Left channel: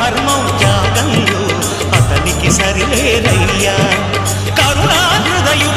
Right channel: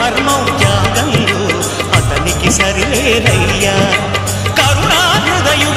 ధర్మం త్యాగంలో అతనికి సరిలేదయ్యా కరుణా హృదయుడు